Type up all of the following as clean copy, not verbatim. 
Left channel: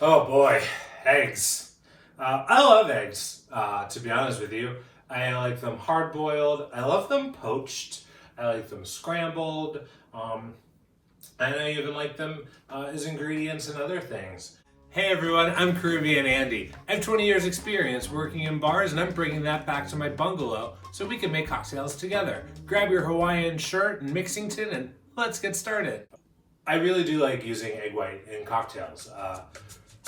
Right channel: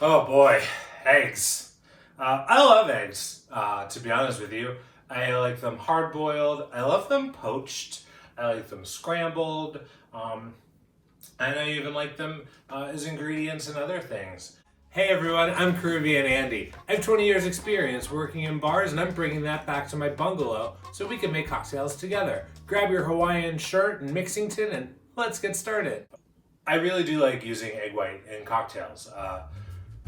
Oh boy, eggs. I love eggs, to be honest with you. I like them hard boiled. I love them poached. I like them scrambled. And I even like them as ingredients in other things. Hey everyone, I'm Caribbean Andy. I have 20 years experience working in bars and I'm bringing that back to my bungalow so we can make cocktails together. Grab your Hawaiian shirt and mixing tin and let's get started. I really do like using egg white in cocktails.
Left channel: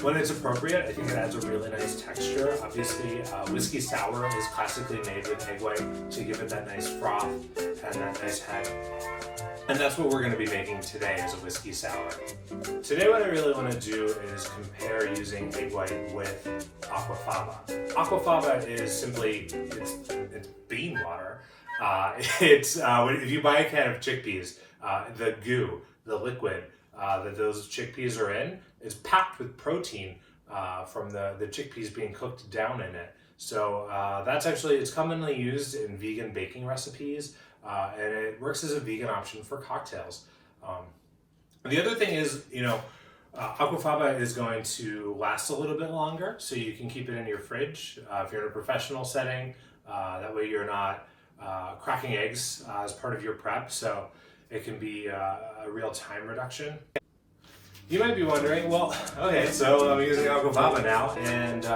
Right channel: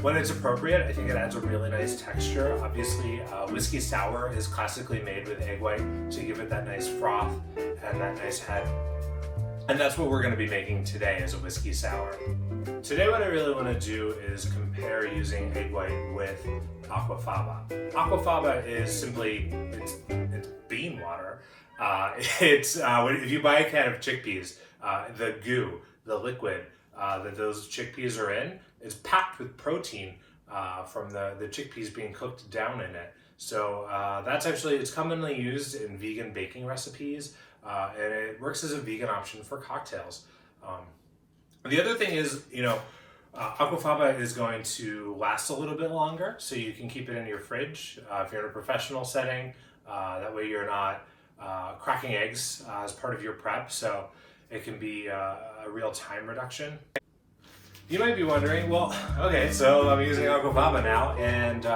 When it's appropriate, I think it adds a really nice texture. Obviously, whiskey sour is classically made with egg white to give it that nice froth and that nice head. And that's what we're going to be making today is a whiskey sour. Today what I really want to do is compare using egg white with Aquafaba. Aquafaba is simply, it's bean water. If you buy a can of chickpeas, the goo, the liquid that those chickpeas are in is packed with protein from the chickpeas being cooked down in it. So it's commonly used in vegan baking recipes and it works as a vegan option for cocktails. The other thing is, Aquafaba is going to last a little bit longer, so you can keep it in your fridge if you're in a professional setting. That way you're not cracking eggs as part of your prep, so it can be a real time reduction. You might be wondering, well, okay, so I'm using Aquafaba now, and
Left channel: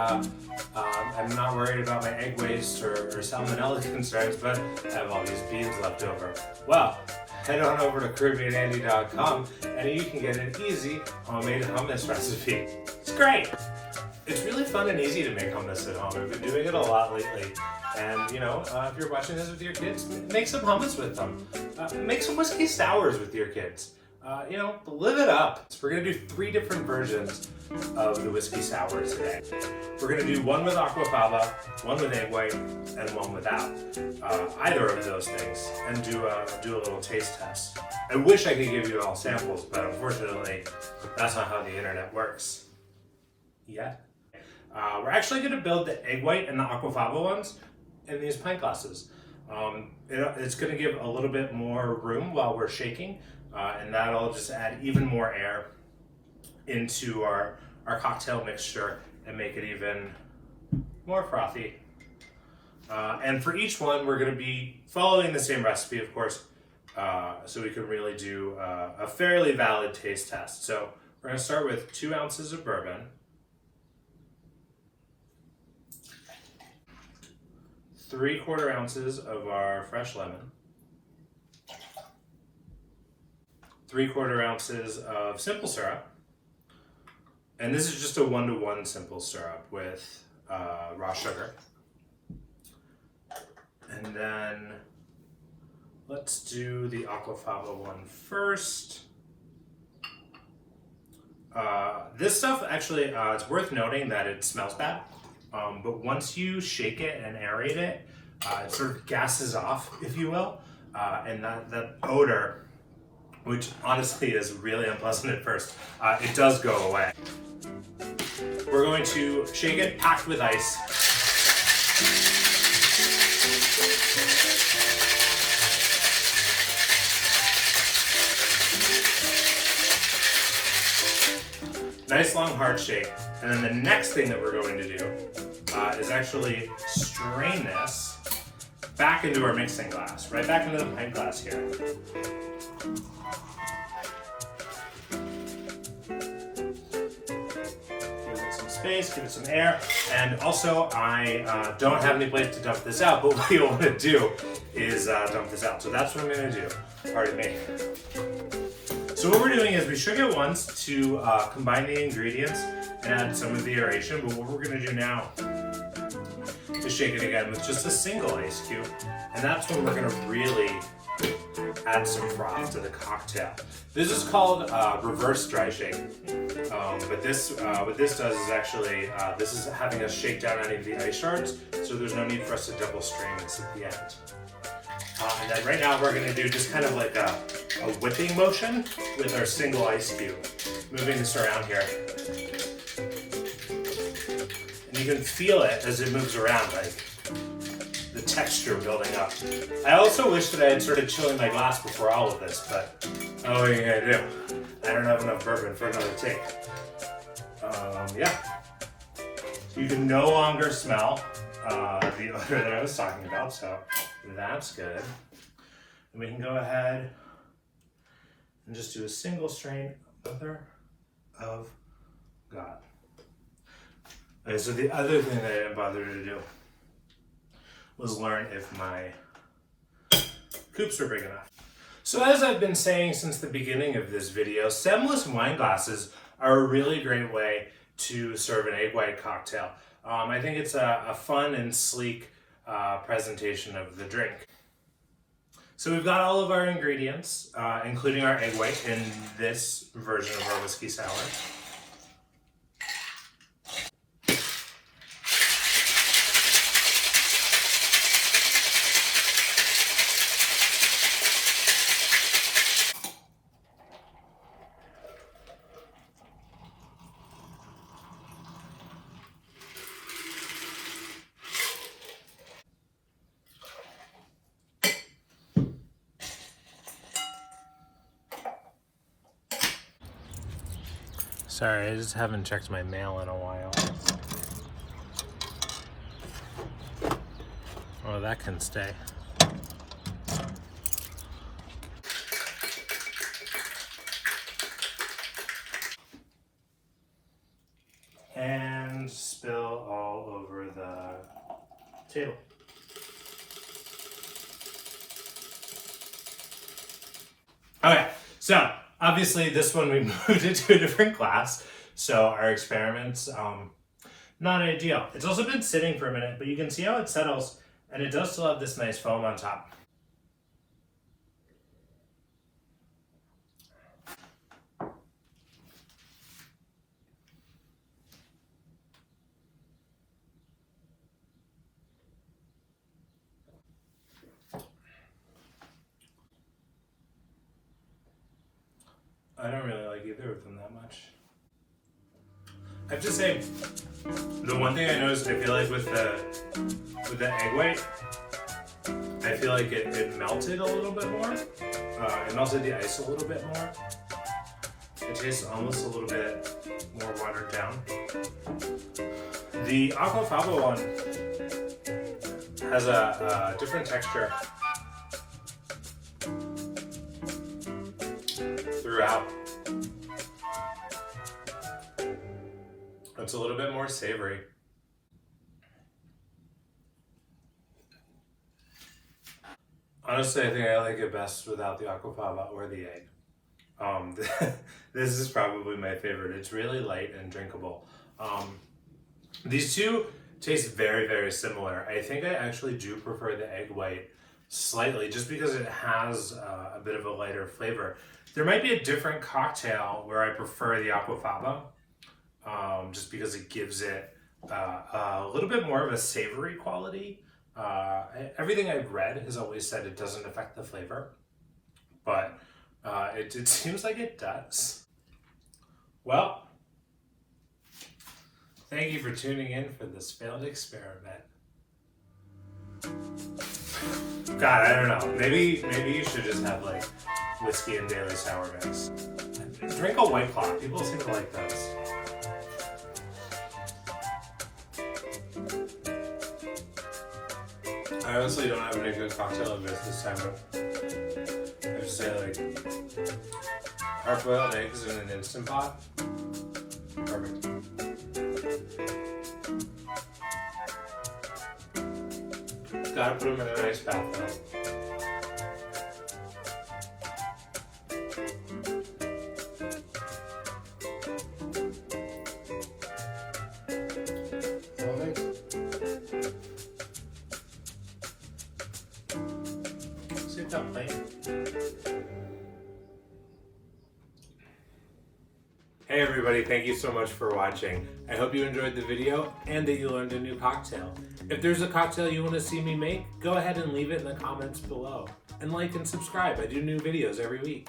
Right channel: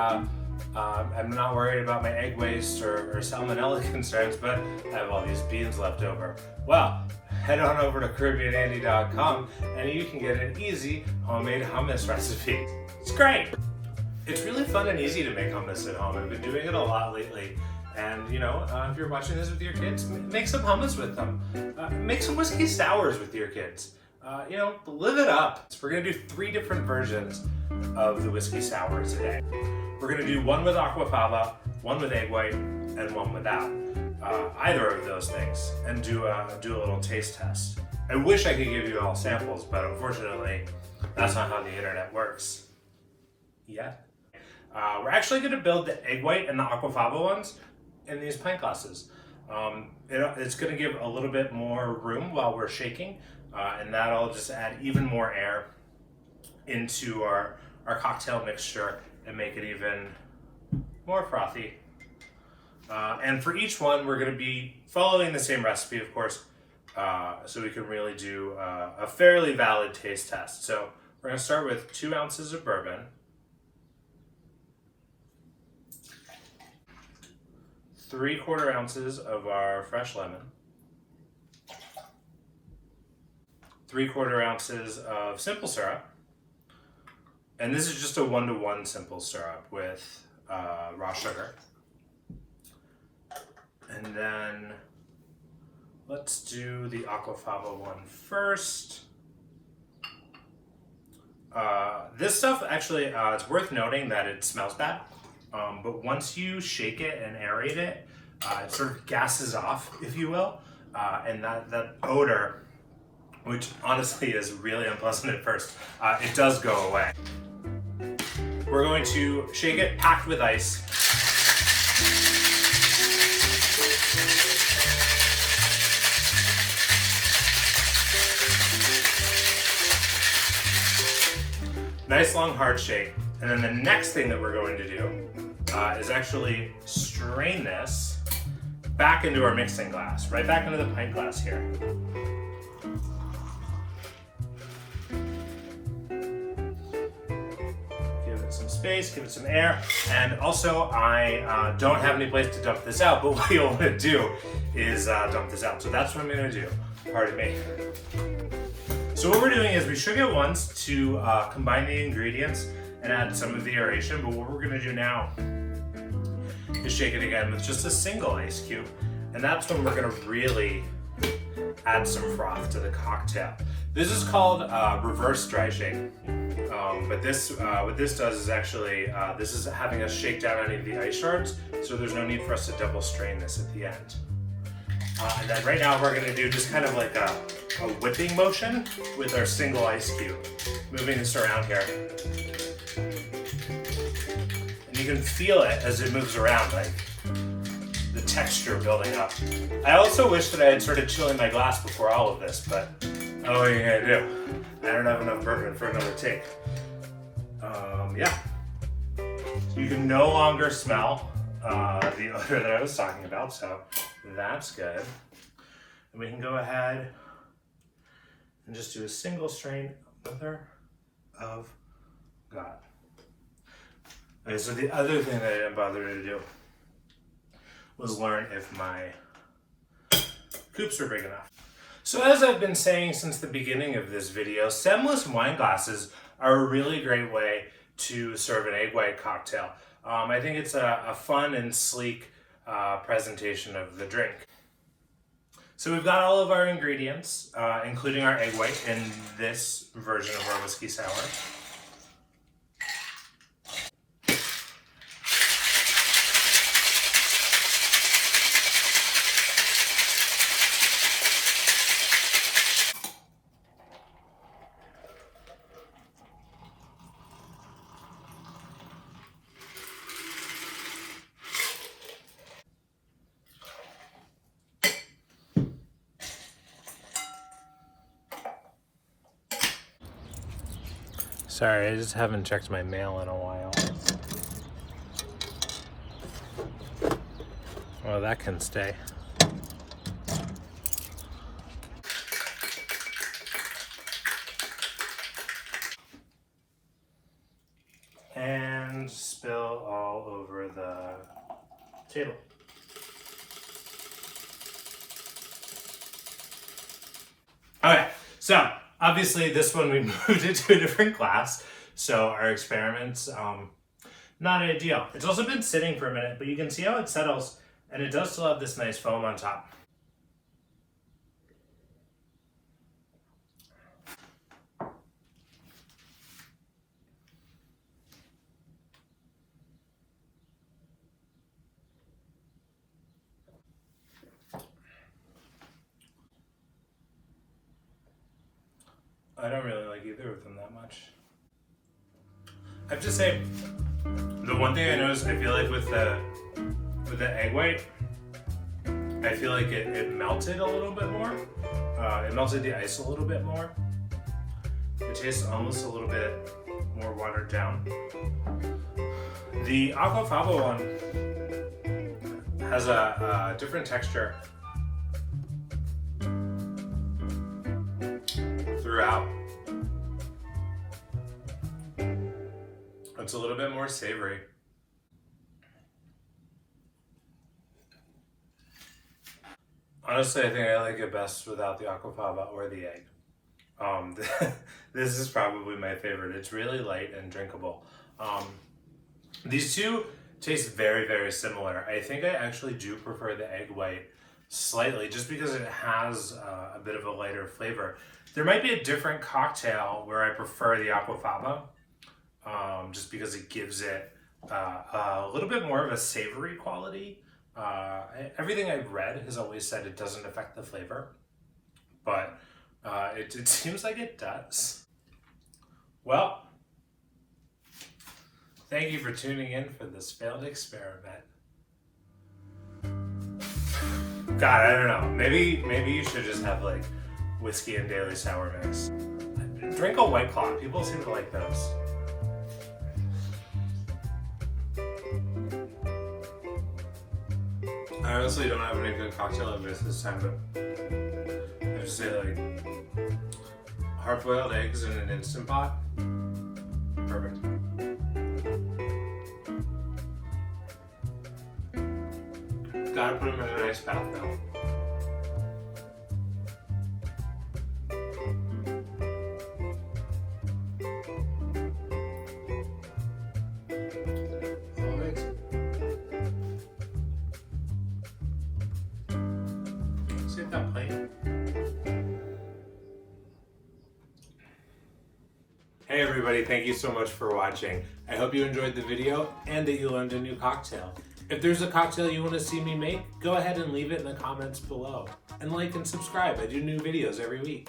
I'm not worried about my egg waste or salmonella concerns, but I have all these beans left over. Well, head on over to CaribbeanAndy.com and you can get an easy homemade hummus recipe. It's great! It's really fun and easy to make hummus at home. I've been doing it a lot lately. And if you're watching this with your kids, make some hummus with them. Make some whiskey sours with your kids. Live it up. So we're gonna do 3 different versions of the whiskey sour today. We're gonna do one with Aquafaba, one with egg white, and one without. Either of those things, and do a little taste test. I wish I could give you all samples, but unfortunately, that's not how the internet works. Yet. We're actually gonna build the egg white and the Aquafaba ones in these pint glasses. It's going to give a little bit more room while we're shaking, and that'll just add even more air into our cocktail mixture and make it even more frothy. And for each one, we're going to be following the same recipe, of course, so we can really do a fairly valid taste test. So we're going to start with 2 ounces of bourbon, 3/4 ounces of our fresh lemon, 3/4 ounces of simple syrup, and this is just a 1-to-1 simple syrup with raw sugar. And then let's do the Aquafaba one first. This stuff actually, it's worth noting that it smells bad. But once you shake it and aerate it, it sort of gases off, if you will, and that odor, which honestly is really unpleasant at first, it does go away. We're going to shake it packed with ice. Nice long hard shake. And then the next thing that we're going to do is actually strain this back into our mixing glass, right back into the pint glass here. Give it some space, give it some air, and also I don't have any place to dump this out, but what you'll want to do is dump this out. So that's what I'm going to do. Pardon me. So what we're doing is we shook it once to combine the ingredients and add some of the aeration, but what we're going to do now is shake it again with just a single ice cube, and that's when we're going to really add some froth to the cocktail. This is called reverse dry shake, but what this does is actually, this is having us shake down any of the ice shards, so there's no need for us to double strain this at the end. And then right now we're going to do just kind of like a whipping motion with our single ice cube, moving this around here. And you can feel it as it moves around, like the texture building up. I also wish that I had started chilling my glass before all of this, but I don't know what you're gonna do. I don't have enough bourbon for another take. Yeah. You can no longer smell the odor that I was talking about, so that's good. And we can go ahead and just do a single strain, Mother of God. Okay, so the other thing that I didn't bother to do was learn if my coupes were big enough. So as I've been saying since the beginning of this video, stemless wine glasses are a really great way to serve an egg white cocktail. I think it's a fun and sleek presentation of the drink. So we've got all of our ingredients, including our egg white in this version of our whiskey sour. Sorry, I just haven't checked my mail in a while. Oh, that can stay. And spill all over the table. Alright, so obviously this one we moved it to a different glass, so our experiments, not ideal. It's also been sitting for a minute, but you can see how it settles, and it does still have this nice foam on top. I don't really like either of them that much. I have to say, the one thing I noticed, I feel like with the egg white, I feel like it melted a little bit more. It melted the ice a little bit more. It tastes almost a little bit more watered down. The Aquafaba one has a different texture throughout. It's a little bit more savory. Honestly, I think I like it best without the Aquafaba or the egg. This is probably my favorite. It's really light and drinkable. These two taste very, very similar. I think I actually do prefer the egg white slightly, just because it has a bit of a lighter flavor. There might be a different cocktail where I prefer the Aquafaba, just because it gives it a little bit more of a savory quality. Everything I've read has always said it doesn't affect the flavor, but it seems like it does. Well, thank you for tuning in for this failed experiment. God, I don't know. Maybe you should just have like whiskey and daily sour mix. Drink a White Claw. People seem to like those. I honestly don't have any good cocktail advice this time, but I would say like hard-boiled eggs in an Instant Pot. Perfect. Gotta put them in a nice bath though. Sit down, plate. Hey everybody, thank you so much for watching. I hope you enjoyed the video and that you learned a new cocktail. If there's a cocktail you want to see me make, go ahead and leave it in the comments below. And like and subscribe, I do new videos every week.